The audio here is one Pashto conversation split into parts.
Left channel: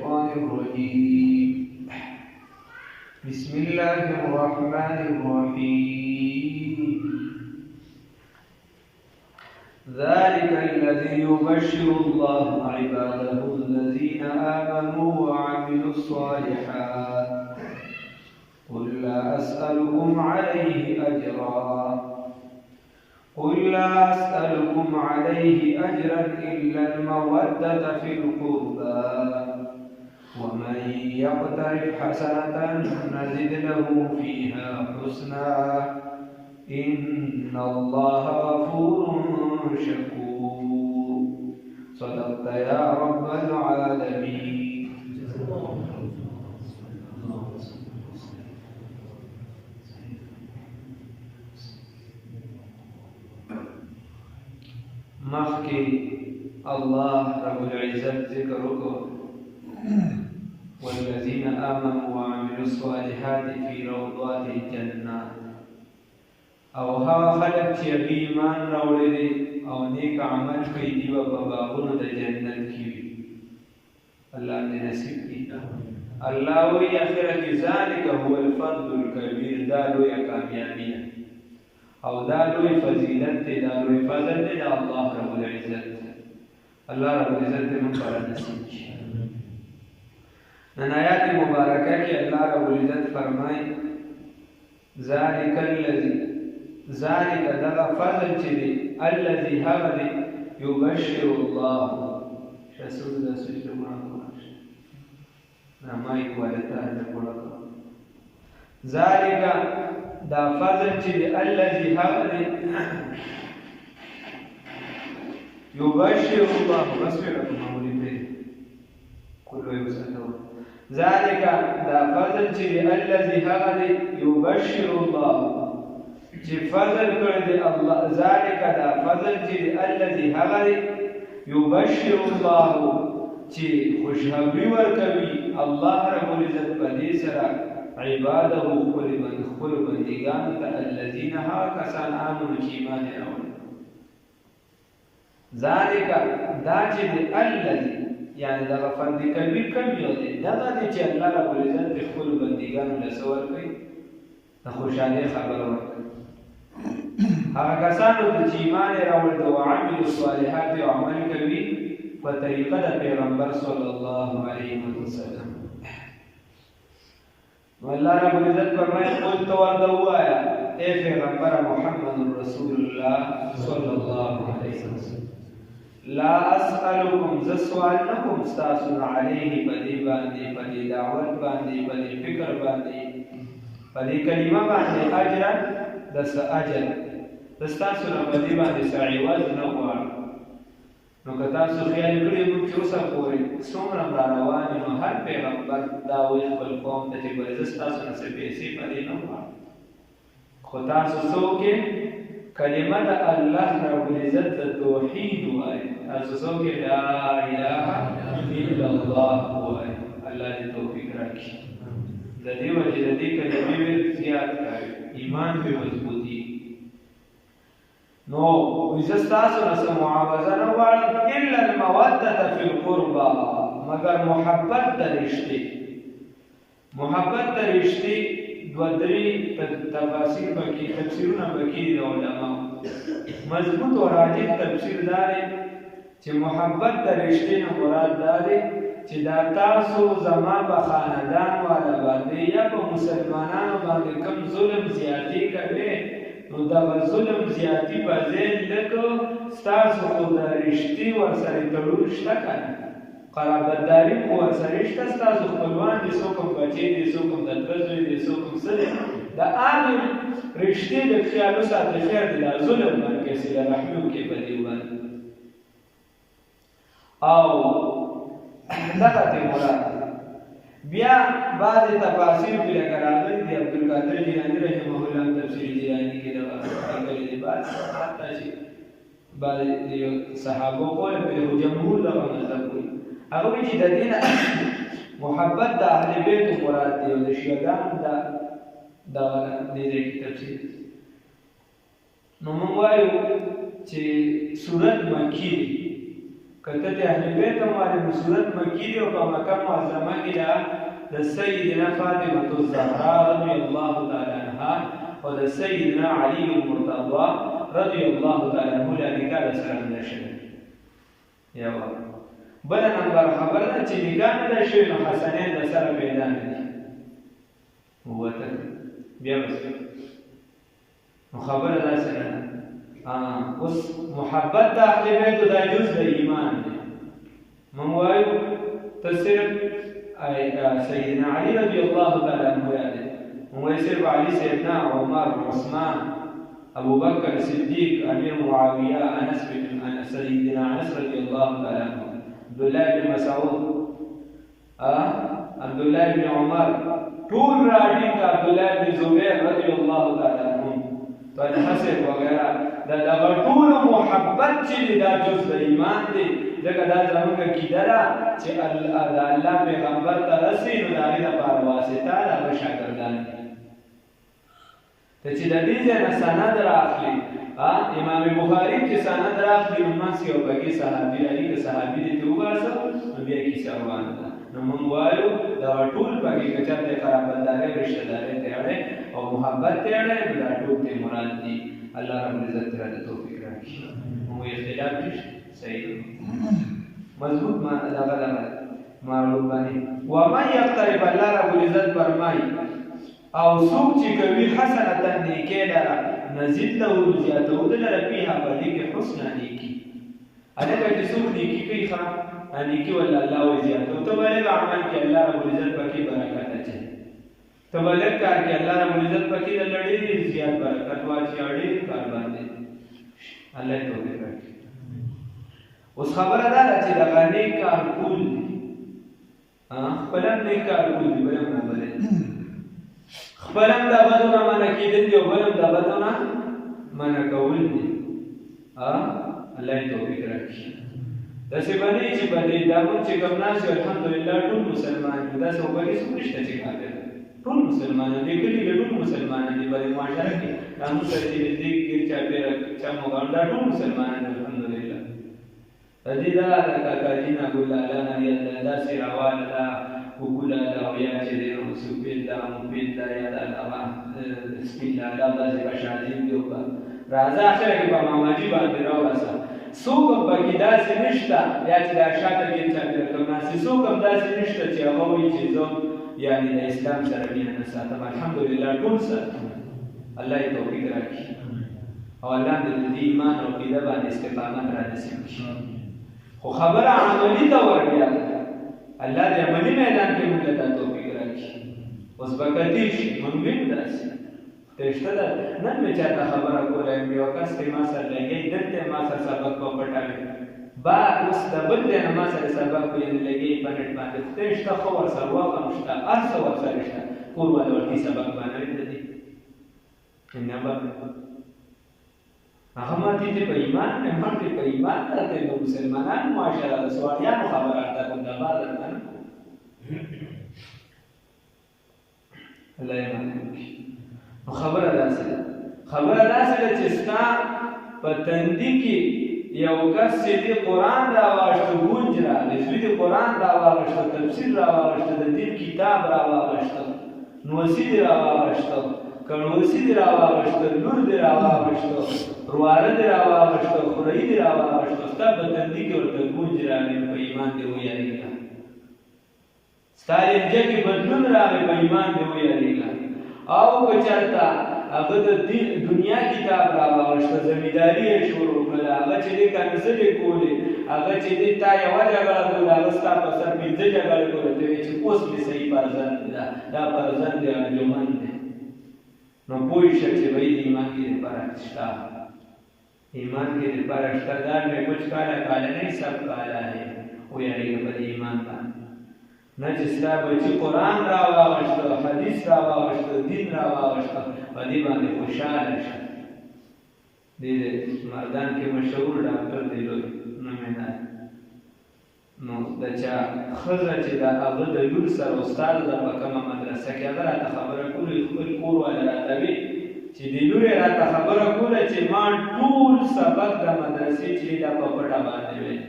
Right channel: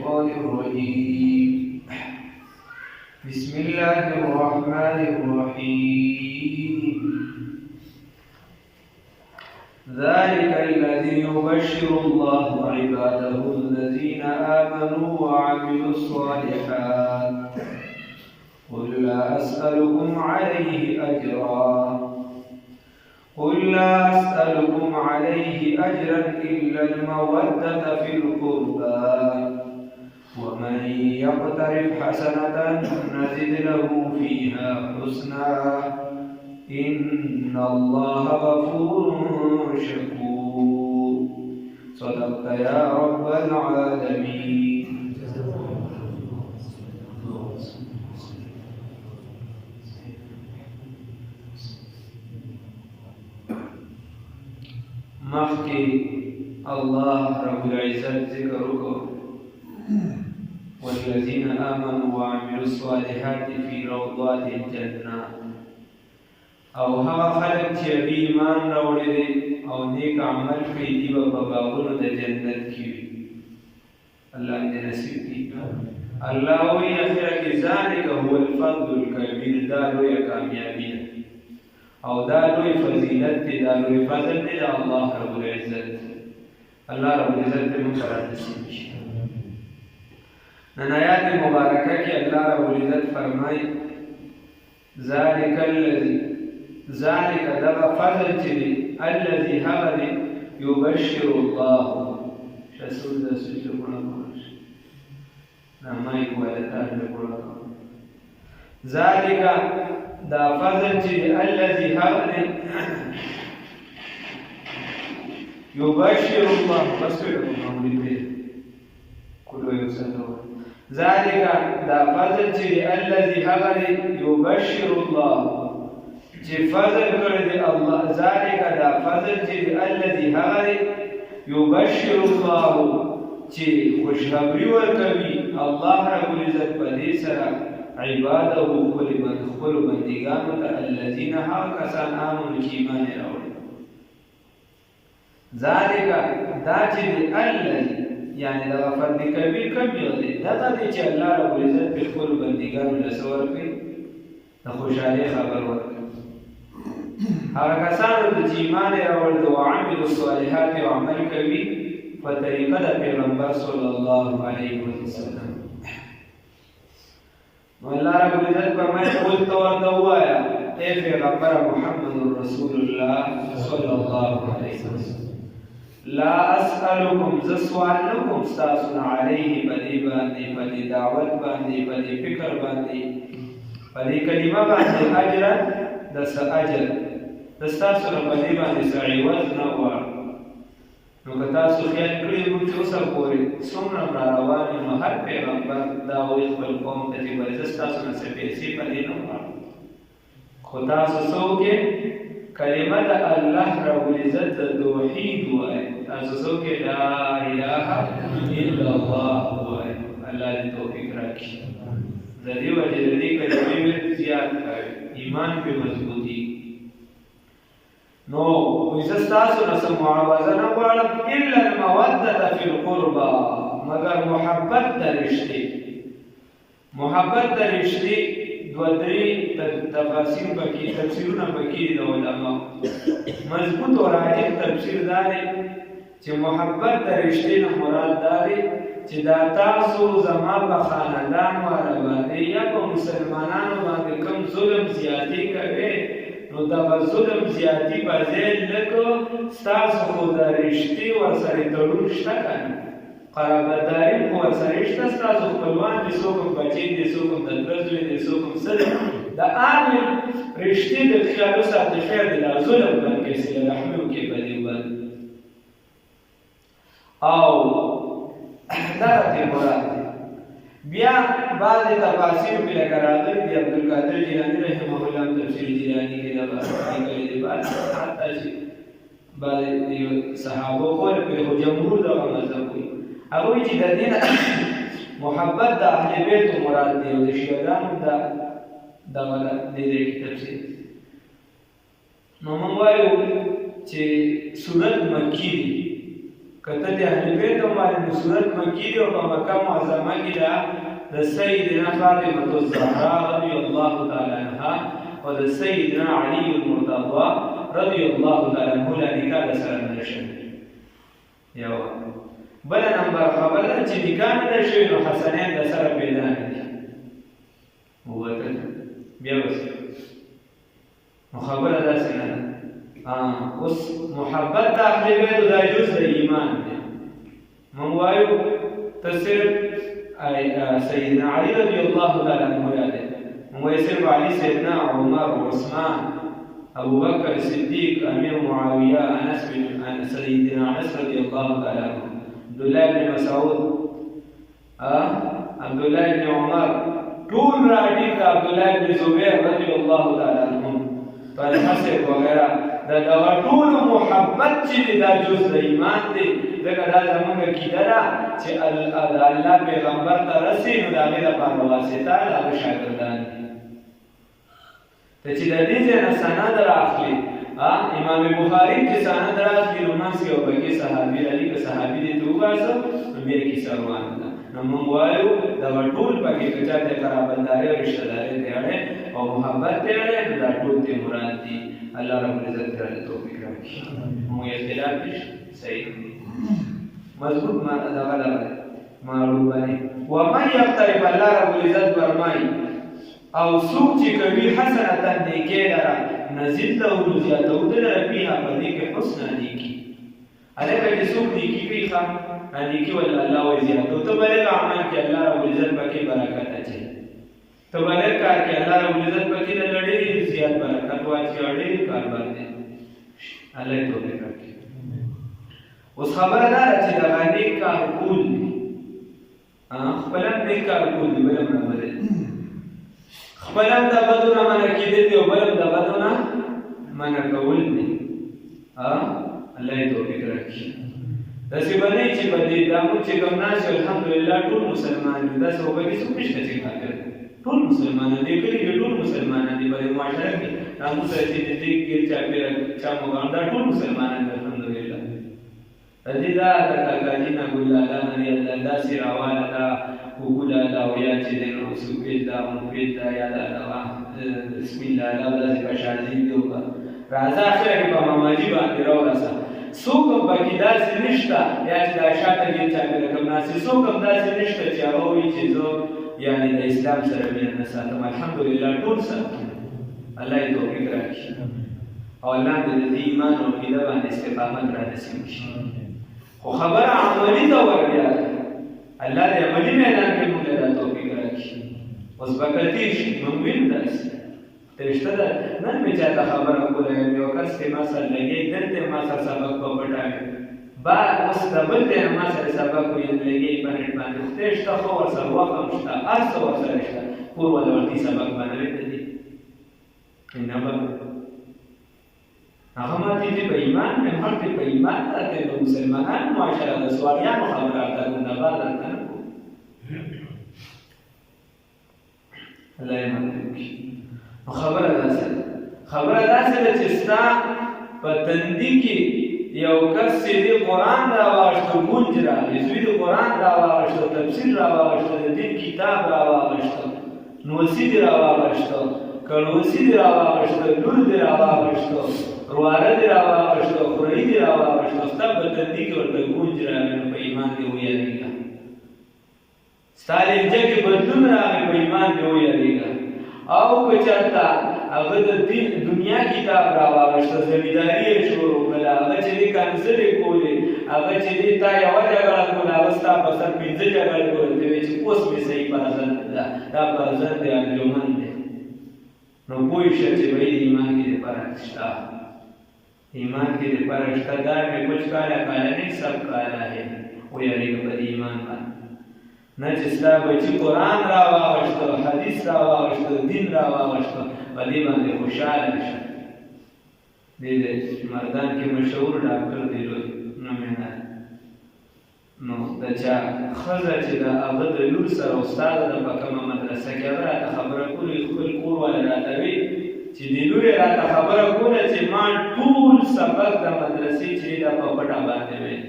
الشيطان الرجيم بسم الله الرحمن الرحيم ذلك الذي يبشر الله عباده الذين آمنوا وعملوا الصالحات قل لا أسألكم عليه أجرا إلا المودة في القربى ومن يقترف حسنة نزد له فيها حسنا إن الله غفور شكور صدقت يا رب العالمين. مخکې الله رب العزت ذکر وکړ والذین آمنوا وعملوا الصالحات في روضات الجنات او هغه خلک چې ایمان راوړي دي او نیک عمل کوي دي په باغونو د جنت کې وي. الله دې نصیب کړي. الله وی اخره کې ذلک هو الفضل الكبير دا لویه کامیابي او دا لوی فضیلت دی دا لوی فضل دی دا الله رب العزت. الله رب العزت دې موږ سره نصیب کړي. نن آیات مبارکه کې الله رب العزت فرمایي ذلك دغه فضل چې دی الذي هغه دی يبشر الله شسول د سجده مونږ نامای کوالتا د قرآن ذلك دا فضل چې الذي هغه دی يبشر الله بسم الله كل يوسف ذلك دا فضل چې الذي هغه دی يبشر الله چې فضل کړی دی الله ذلك دا فضل چې الذي هغه دی يبشر الله چې خوشخبری ورکوي الله رب العزت په دې سره عباده خپل بندګانو ته الذين ها کسان آمنوا چې ایمان راوړي. ذلك دا چې الذي یعنی دا فضل کبیر کم یو دی دا چې الله رب العزت خپل بندګانو له سور کوي د خوشاله خبر ورکوي. هغه کسانو چې ایمان راوړل او عملوا الصالحات او عمل کوي په طریقه د پیغمبر صلی الله علیه وسلم. نو الله رب العزت فرمایي قل تو وایا اے پیغمبر محمد رسول الله صلی الله علیه وسلم لا اسالکم ز سوال نکوم تاسو علیه بدی باندې بدی دعوت باندې بدی فکر باندې بدی کلمه باندې اجر دس اجر تاسو نه بدی باندې سړی وز نه وار نو که تاسو خیال کړی وو چې اوسه پورې څومره روان نو هر پیغمبر دا وایي خپل قوم ته چې باید تاسو نه څه پیسې پدې نه وار خو تاسو څوک کلمه د الله رب العزت د توحید وایي تاسو څوک لا اله الا الله وایي. الله دې توفیق راکړي. د دې وجه د دې کلمې زیات کړئ ایمان په مضبوطی. نو ویزستاسو نسا معاوضه نوارم الا المودة فی القربى مگر محبت در رشتے. محبت در رشتے دو دری تفاسیر بکی تفسیرون بکی دا علماء مضبوط و راجح تفسیر دارے چه محبت در رشتے مراد دارے چه دا تاسو زما با خاندان والا باندے یا با مسلمانانو باندے کم ظلم زیادی کرے نو دا ظلم زیاتی بازیل لکو ستاسو خود رشتی ورسری تلون شتا کنی قرابتداری خو ورسری شتا ستاسو خپلوان دی سوکم بچی دی سوکم ددرزوی دی سوکم صدر دا آنوی رشتی دی خیالو ساتی خیر دی دا ظلم بنکر سیل رحمیو که بدیوان او دغتی مراد بیا بعض تفاسیر په لکه راغلي دي عبدالقادر جیلانی رحمه الله تفسیر جیلانی کې دا راغلي دي بعض حتی چې بعض صحابه قول په جمهور دغه مذهب کوي هغه وایي چې د دین محبت د اهل بیت مراد دی او د شیعاګانو دا دې تفسیر. نو موږ وایو چې سورۃ مکی دی کته د اهل بیت باندې صورت مکی دی او په مکه معظمه کې دا د سیدنا فاطمه الزهرا رضی الله تعالی عنها او د سیدنا علی المرتضی رضی الله تعالی عنه له نکاح سره نشي. یو بل نمبر خبره چې نکاح نه شي نو حسنین د سره پیدا نه دي وته بیا وس نو خبره داسې نه ده. اوس محبت د اهل بیت د جز د ایمان دی. مونږ وایو تصرف سیدنا علی رضی الله تعالی عنه یاد دی. مونږ وایو صرف علی سیدنا عمر عثمان ابو بکر صدیق امیر معاویه انس بن سیدنا انس رضی الله تعالی عنه عبد الله بن مسعود عبد الله بن عمر ټول راځي د عبد الله بن زبیر رضی الله تعالی عنه طلحه سے وغیرہ دا ټول محبت چې دا جز د ایمان دی. ځکه دا زمونږ عقیده ده چې الله پیغمبر ته رسي نو د هغې لپاره واسطه د هغه شاګردان دي. ته چې د دې ځای نه سند راخلي امام بخاري کې سند راخلي نو منځ کې یو پکې صحابي راځي که صحابي دې ته وباسه نو بیا کیسه روانه ده. نو موږ وایو دا ټول پکې که چا د قرابتدارۍ او رشتهدارۍ ته اړې او محبت ته اړې نو دا ټول ته مراد دي. الله رب العزت تعالی توفیق راکړي. مو اختلاف نشته صحیح مضبوط معلوم باندې و من یقترب الله رب العزت فرمایي او څوک چې کوي حسنه نیکي لره نزيد له زیاتو دلته فيها پدې کې حسن نیکي هغه چې څوک نیکي کوي ښه نیکي ول الله او زیاتو ته بلګ عمل کې الله رب العزت پکې برکت اچي ته بلګ کار کې الله رب العزت پکې لړې زیات برکت واچي اړې کار باندې الله توفیق راکړي. اوس خبره ده چې دا باندې کار کول دي خپلم دې کار کول دي بلم نه بلې خپلم د بدونه منع کېدل دي او بلم د بدونه منع کول دي. الله توفیق راکړي. داسې باندې چې باندې دا موږ چې کوم ناس الحمدلله ټول مسلمان دي داسې وګړي څه نشته چې کار کوي ټول مسلمانان دي کلی کې ټول مسلمانان دي په معاشره کې تاسو سره چې دې کې چا پیر چا موږ دا ټول مسلمانان دي الحمدلله. دې دا د کاکاجینا ګولالا نه الله سیراواله دا وګولالا او یا چې دې نو سوبیلا مفیدا یا دا بسم الله الله دې بشاردي دی او راځه اخر کې په ماماجي باندې راوړسه څوک به کې داسې نشته یا چې دا شاته کې چا کوم ناس څوک هم داسې نشته چې هغه وایي چې زه یعنی د اسلام سره مینه نه ساتم. الحمدلله ټول ساتم. الله یې توفیق راکړي او الله دې د ایمان او عقیده باندې استقامت را نصیب کړي. خو خبره عملي ته وربیا الله دې عملي میدان کې موږ ته توفیق راکړي. اوس به کتې شي موږ وینو داسې ته شته ده نن مې چاته خبره کوله یو کس ته ما سره لګي دلته ما سره سبق په پټاوي با اوس د بل دی ما سره سبق ویل لګي په نت باندې خو شته خو ورسره وخت هم شته هر څه ورسره شته پور ولا ورتي سبق باندې دي نه به هغه ماته دې په ایمان نه ماته په ایمان ته د مسلمانانو معاشره د سواریانو خبره ته د بعد نه الله یې مانځي. خبره داسې ده چې ستا په تندي کې یو کس چې د قرآن راواغشته گونج راغی زوی د قرآن راواغشته تفسیر راواغشته د دین کتاب راواغشته نوسی دی راواغشته کڼوسی دی راواغشته لور دی راواغشته رواره دی راواغشته خورۍ دی راواغشته ستا په تندي کې ورته گونج راغی نو په ایمان دې ویاړېږه. ستا لهجه کې بدلون راغی په ایمان دې ویاړېږه. او که چېرته هغه د دنیا کتاب راواغشته زمینداري یې شروع کړله هغه چې دې کنځلې کولې هغه چې دې تا یوه جګړه کوله هغه ستا په سر 5 جګړې کولې ته وایې چې اوس مې صحیح فرزند ده دا فرزند دی انجمن دی نو پوه شه چې وایي ایمان کې دې فرق شته ایمان کې دې فرق شته دا مې کچھ کالا کالا نہیں سب کالا ہے ویاړېږه په دې ایمان باندې نه چې ستا بچي قرآن راواغشته حدیث راواغشته دین راواغشته په دې باندې خوشحاله شه. دې مردان کې مشهور ډاکټر دی لوی نومېنه نو د چا ښځه چې د هغه د لور سره استاد ده په کومه مدرسه کې هغه راته خبره کوله خپل کور والا راته وي چې د لور یې راته خبره کوله چې ما ټول سبق د مدرسې چې دا په پټه باندې ویل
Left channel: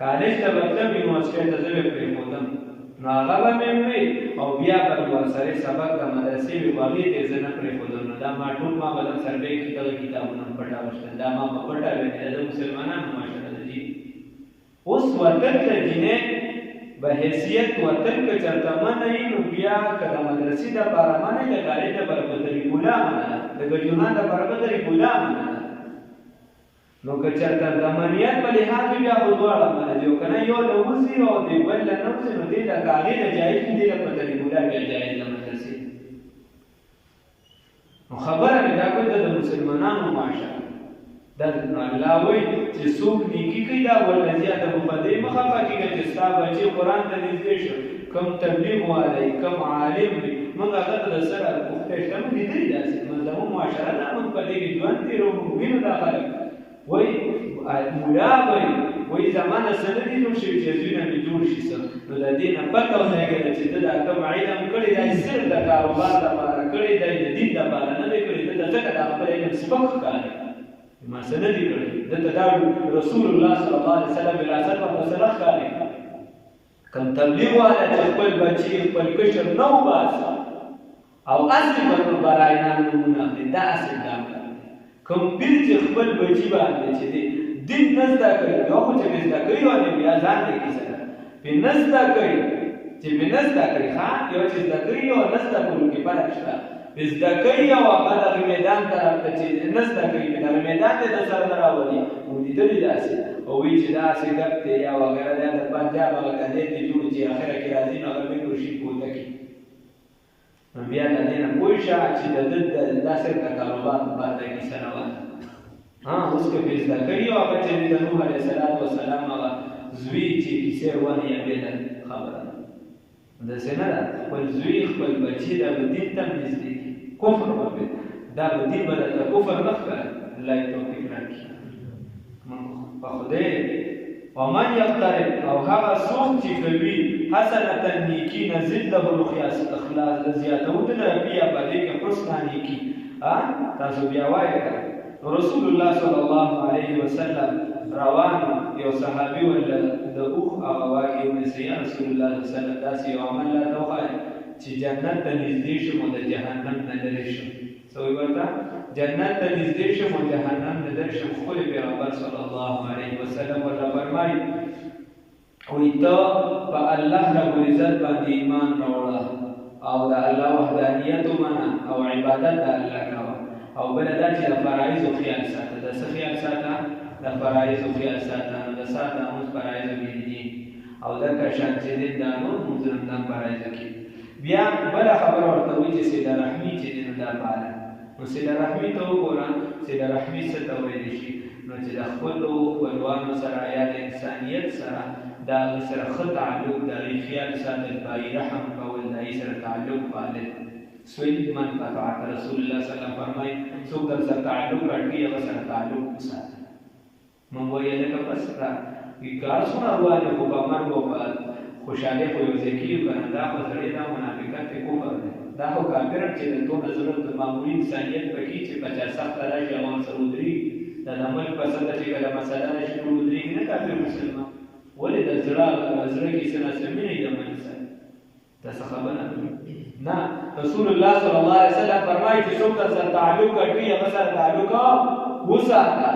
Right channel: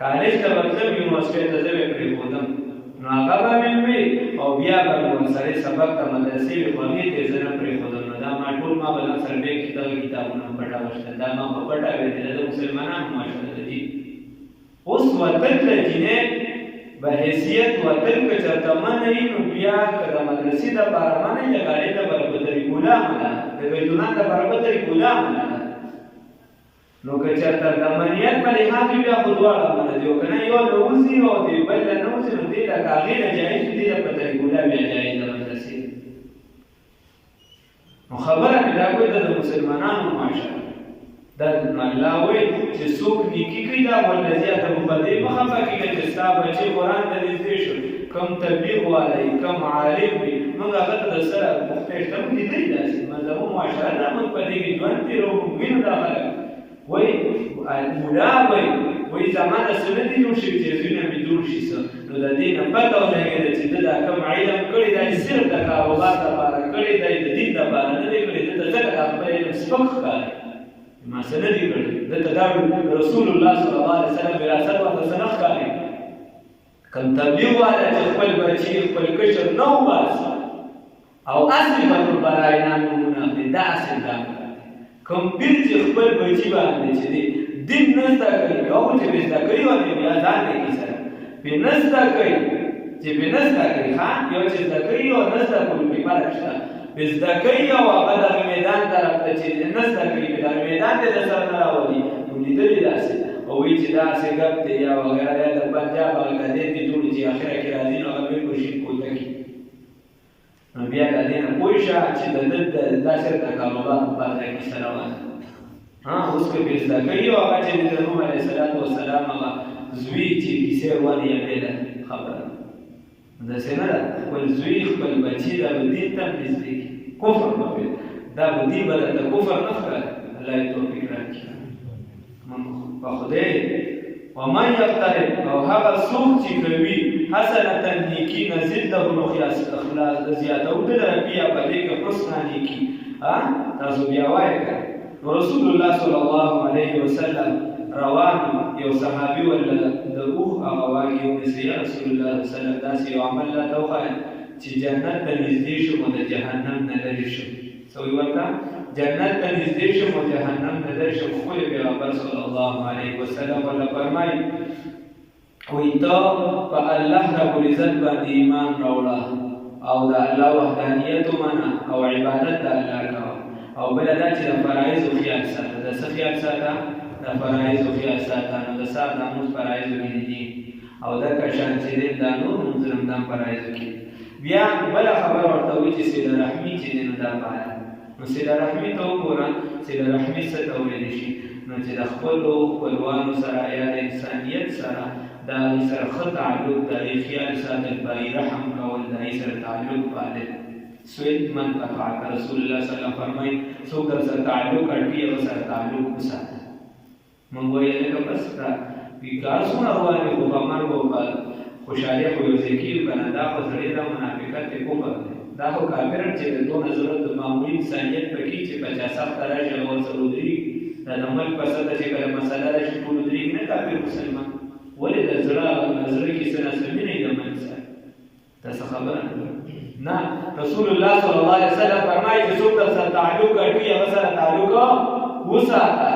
کالج ته مطلب یونیورسيټي ته زه پرې پوهم نو هغه به مې وي او بیا به ورسره سبق د مدرسې وي خو هغې ته یې زه نه پرېښودم نو دا ما ټول ما به ځان سره بیا کتابونه پټه وشتل دا ما په پټه ویلې دا د مسلمانانو معاشره ده جي اوس وطن ته جینۍ به حیثیت وطن که چېرته منه وي نو بیا که د مدرسې دپاره منه وي د کالج دپاره په طریقولا منه ده د ګجونان دپاره په طریقولا منه ده نو که چېرته د منیت په لحاظ وي بیا خو دواړه منه دي او که نه یو له وځي او د بل له نه وځي نو دې لکه هغې له جایز وي دې له په طریقولا بیا جایز د مدرسې نو خبره مې دا کوي د مسلمانانو معاشره دا نو الله وایي چې څوک نیکي کوي دا والذي ادب په دې مخه پکې چې ستا بچي قرآن ته نږدې شو کم تبلیغ والی کم عالم وي موږ هغه ته د سره پوښتنه شته موږ لیدلي داسې زموږ معاشره دا موږ په دې کې ژوند تېروو موږ وینو دا خلک وایي ملا وایي وایي زما د څه نه دي جوړ شوي چې زویونه مې جوړ شي څه نو د دې نه پته ولګېده چې ده دا کوم علم کړی دی صرف د کاروبار دپاره کړی دی د دین دپاره نه دی کړی ده ته ځکه دا خپل علم سپک ښکاري ما څه نه دي کړی ده ته دا رسول الله صلی الله علیه وسلم وراثت ورته څه نه ښکاري کوم تبلیغ والا چې خپل بچي خپل کشر نه وباسي او اصلي بنو البراء نمونه اخلي دا اصل دا کوم پیر چې خپل بچي باندې چې دی دین نه زده کوي یو خو چې زده کوي او بیا ځان لیکي سره پې نه زده کوي چې پې نه زده کوي ښه یو چې زده کوي او نه زده کولو کې فرق شته پې زده کوي او هغه دغه میدان طرف ته چې نه زده کوي پې دغه میدان ته د سره نه راولي نو لیدلي داسې او وایي چې داسې ګپ دی یا وغیره یا د پنجاب هغه ګدې دې جوړې چې اخره کې راځي نو هغه بلکل شي کوته کړي نو بیا د دې نه پوه شه چې د ده دا صرف د کاروبار لپاره دا کیسه روانه اوس که پې زده کوي او هغه چې د نوح علیه السلام هغه زوی چې کیسې روانې یا بېله خبره ده داسې نه ده خپل زوی خپل بچي دا به دین ته هم نږدې کړي کفر به دا به دین به درته کفر نه ښکاري الله یې توفیق راکړي په خدای ومن یقترب او هغه څوک چې کوي حسنة نیکي نزد له نو اخلاص زیاتو د ربیا په دې کې حسنه نیکي تاسو بیا وایئ رسول الله صلی الله علیه وسلم روان یو صحابي ولا د اوخ هغه واګي ونیسي یا رسول الله صلی الله علیه وسلم داسې یو عمل راته وښایه چې جنت ته نږدې شم او د جهنم نه لرې شم څه وایي ورته جنت ته نږدې شم او جهنم نه لرې شم خپل پیغمبر صلی الله علیه وسلم ورته فرمایي وایي ته په الله رب العزت باندې ایمان راوړه او د الله وحدانیت ومنه او عبادت د الله کوه او بله دا چې د فرایضو خیال ساته د څه خیال ساته د فرایضو خیال ساته نو د سهار دا لمونځ فرایضو کې دي او دکه شان چې دی دا نور لمونځونه هم دا فرایضو کې بیا بله خبره ورته وایي چې صله رحمي چې دی نو دا پاله نو صله رحمي ته وګوره صله رحمي څه ته ویلی شي نو چې د خپلو خپلوانو سره یا د انسانیت سره د هغې سره ښه تعلق د هغې خیال ساتل په هغې رحم کول د هغې سره تعلق پالل سوید من قطعت رسول الله صلی الله علیه وسلم فرمایي څوک در سره تعلق اړوي هغه سره تعلق وساته موږ وایو لکه بس کار څومره روان دی خو په مرګ او په خوشحالۍ خو یو ځای کېږي که نه دا خو زړی دا منافقت دی کفر دی دا خو کافر چې د دونه ضرورت د معمولي انسانیت پکې چې په چا سخته راشي هغه ورسره ودرېږي دا د ملک په سطحه چې کله مسله راشي ټول ودرېږي نه کافر مسلمان ولې د زړه کې څه ناسمي نه وي د ملک سره دا څه خبره نه رسول الله صلی الله علیه وسلم فرمایي چې څوک در سره تعلق اړوي هغه سره تعلق وساته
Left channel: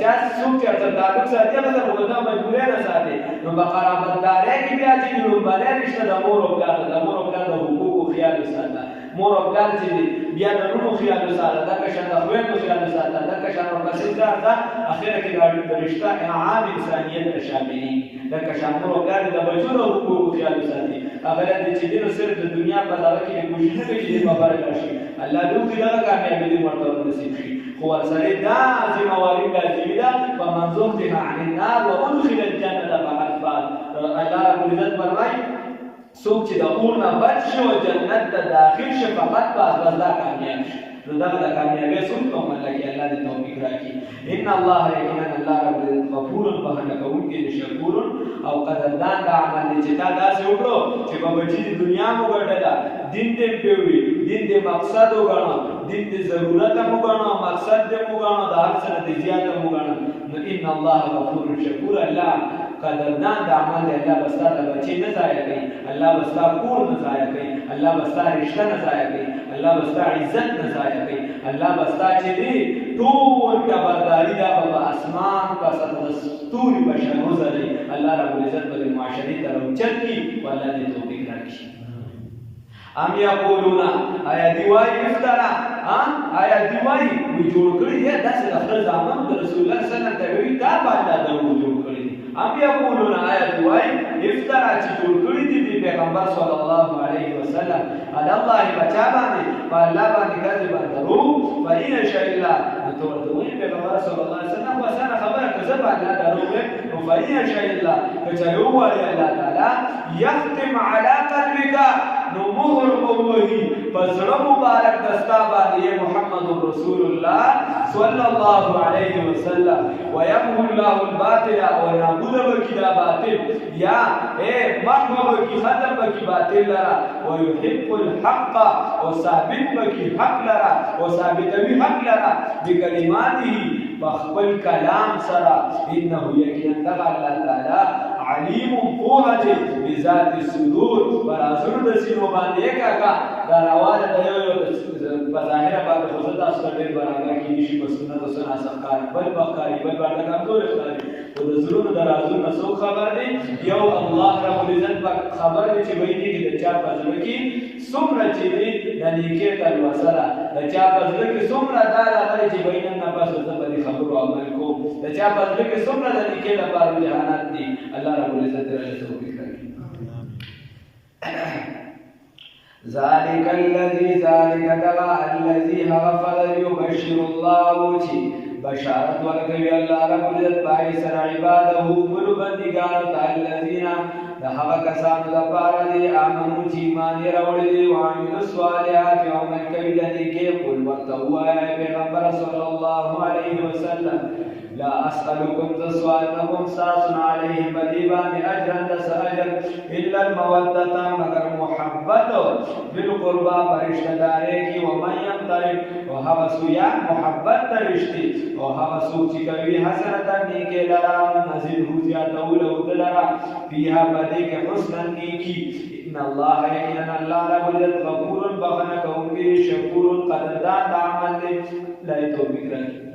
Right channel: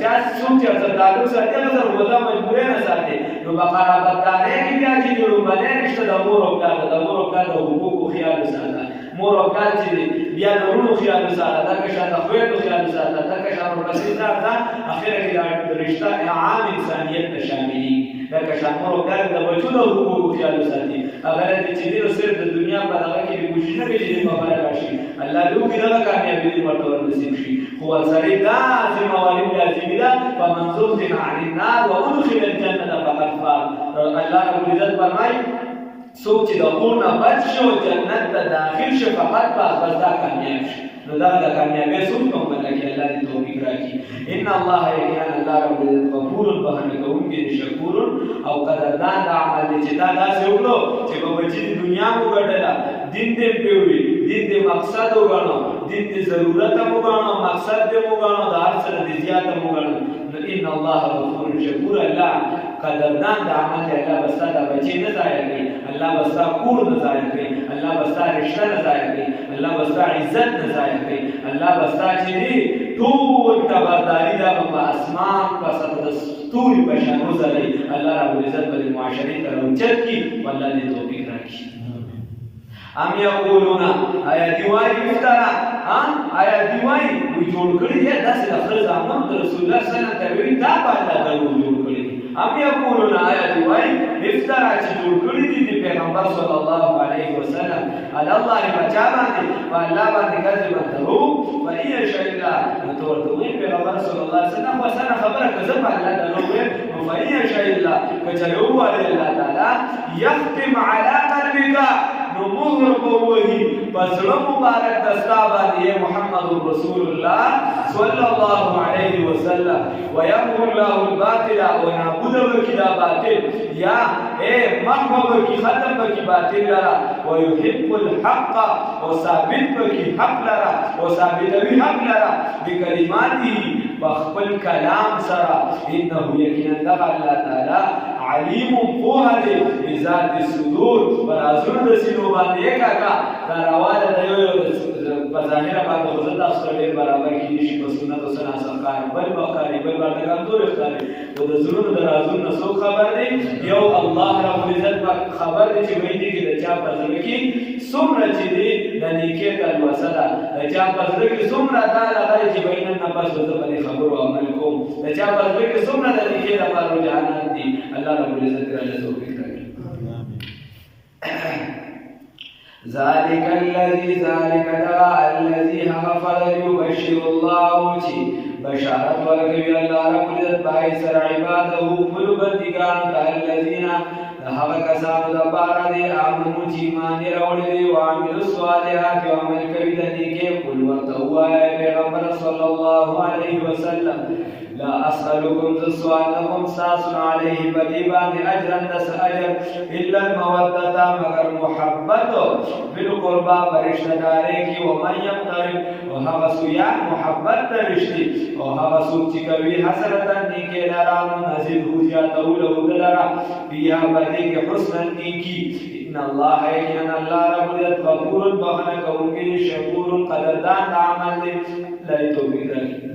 چا څوک چې سره تعلق ساتي هغه سره ودا مجبورې نه ساتي نو په قرابتدارۍ کې بیا چې لومړنی رشته د مور او پلار د مور او پلار د حقوقو خیال وساته مور او پلار چې بیا د وروڼو خیال وساته دغه شان د خویندو خیال وساته دغه شان ورپسې ځه اخره کې د رشته عام انسانیت ته شاملېږي دغه شان مور او پلار د بچو د حقوقو خیال وساتي هغه دی چې دی نو صرف د دنیا په دغه کې کوشش نه کوي چې دې په باره راشي الله دې وکړي دغه کامیابي دې ورته ورنصیب شي خو ورسره دا ذمهواري لازمي ده فمن زحزح عن النار وادخل الجنة فقد فاز الله رب العزت فرمایي څوک چې د اور نه بچ شي او جنت ته داخل شي فقط بس دا کامیاب شي نو دغه د کامیابۍ څوک کوم لکه الله دې توفیق راکړي ان الله یقینا الله رب العزت غفور بخښنه کوونکی دی شکور او قدردان د عمل دی چې تا داسې وکړو چې په بچي د دنیا مو ګټله دین دې پرېوي دین دې مقصد وګڼو دین دې ضرورت هم وګڼو مقصد دې وګڼو د هر څه نه دې زیات هم وګڼو نو ان الله غفور شکور الله قدردان د عمل دی الله بستا د بچی نه ضایع کوي الله بستا کور نه ضایع کوي الله بستا رشته نه ضایع کوي الله بستا عزت نه ضایع کوي الله بستا چې دی ټول تبرداري دا په اسمان په سطح د ستوري په شان وځلي الله رب العزت په معاشري تر اوچت کی والله دې توفیق راکړي ام یقولون آیا دیوای افترا آیا دیوای وی جوړ کړی دی داسې لفظ زمان د رسول الله صلی الله علیه وسلم ته وی دا باندې درو جوړ کړی ام یقولون آیا دیوای افترا چې جوړ کړی دی پیغمبر صلی الله علیه وسلم علی الله بچا باندې والله باندې کذب درو فإن شاء الله تو ورته وی پیغمبر صلی الله علیه وسلم وسانه خبره کذب الله درو فإن شاء الله کچلو علی الله تعالی یختم علی قلبک نو مهر بوهی پسړه مبارک دستا باندې محمد رسول الله صلی الله علیه وسلم ويمحو الله الباطل ونعبد بكذا باطل یا محو بکی ختم بکی باطل لرا ويحق الحق وثابت بکی حق لرا وثابت بی حق لرا بکلماته بخبل کلام سرا انه یقینا الله تعالی علیم فوهد بذات الصدور برازور د سینو باندې کاکا دا راواله د یو په ظاهر باندې خو زړه تاسو ډېر برابر کیږي شي په سنت او سنا سرکار بل بقاری بل باندې کمزور ښکاري او د زړونو د رازونو نه څوک خبر دی یو الله رب العزت خبر دی چې وایي دي د چا په زړه کې څومره چې دی د نیکه تل وسره د چا په زړه کې څومره دا لغړي چې بین نه پاسو د باندې خبرو عمل کوم د چا په زړه کې څومره د نیکه لپاره رجحانات دي الله رب العزت راځي توفیق راکړي ذلك الذي دغا الذي غفر يبشر الله چی بشارت ورکوي الله رب العزت پای سره عباده خپل بندگانو ته الذين هغه کسانو د پاره دي امنو چې ایمان راوړي او عمل صالحات او عمل کوي د نیکه قل ورته وایي پیغمبر صلی الله علیه وسلم لا اسالكم سوالكم ساس عليه بديبان اجرا دس اجر الا الموده مگر محبت بالقربى فرشتہ دارے کی ومن يقترب وهو سویا محبت ترشتي وهو سوچ کوي حسنتا نیکه لرا منزل هو جاتو له دلرا فيها بدی کے حسن نیکی ان الله یقینا الله رب العزت غفور بخنه کوونکی شکور قدردان عمل لا توفیق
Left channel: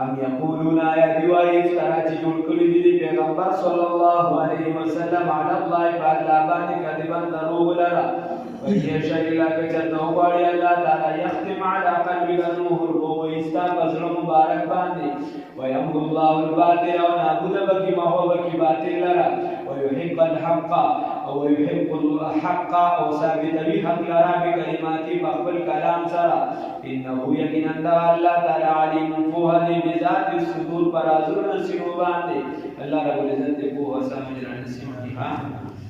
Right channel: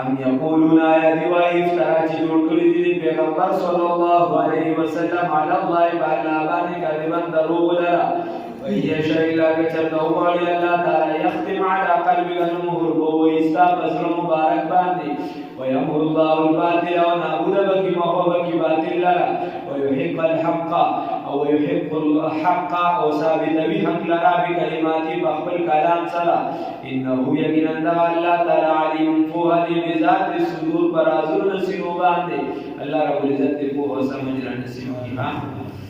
ام یقولون آیا دیوای افترا چې جوړ کړی دی پیغمبر صلی الله علیه وسلم علی الله تعالی باندې کذبا دروغ لرا وهي شر الله کچته وړي الله تعالی یختم علی قلبک المهر بو استا بزر مبارک باندې ويمحو الله الباطل ونعبد بك محبك باطل لرا ويحق الحق او يحق الحق او ثابت بحق لرا بكلمات بخبل كلام سرا انه يقينا الله تعالى عليم فوهد بذات الصدور برازور نسيو باندې الله رب العزت کو سمجھ رہا نسيو کی